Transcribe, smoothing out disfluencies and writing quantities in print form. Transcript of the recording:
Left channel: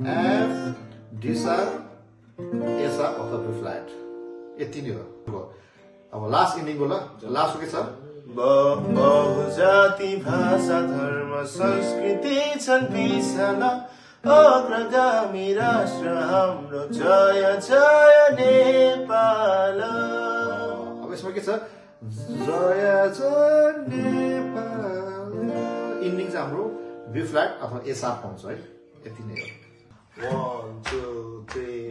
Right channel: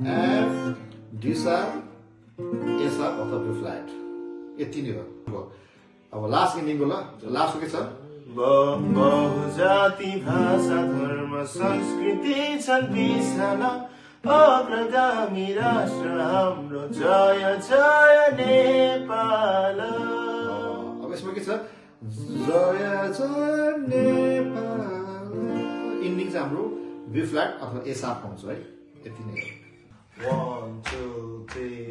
F, D sharp, A sharp अथवा B flat. यति नै हो. अब लास्ट इन्डिङको ल लास्ट के छ बहुजाति भाषा धर्म संस्कृति छन् विशाल अग्रगामी राष्ट्र हाम्रो जय जय नेपाल. अब यसमा के छ जय जय नेपाल. इन्डिङ चाहिँ हाम्रो B flat अथवा A sharp हुन्छ है. यति नै हो. 1 2 3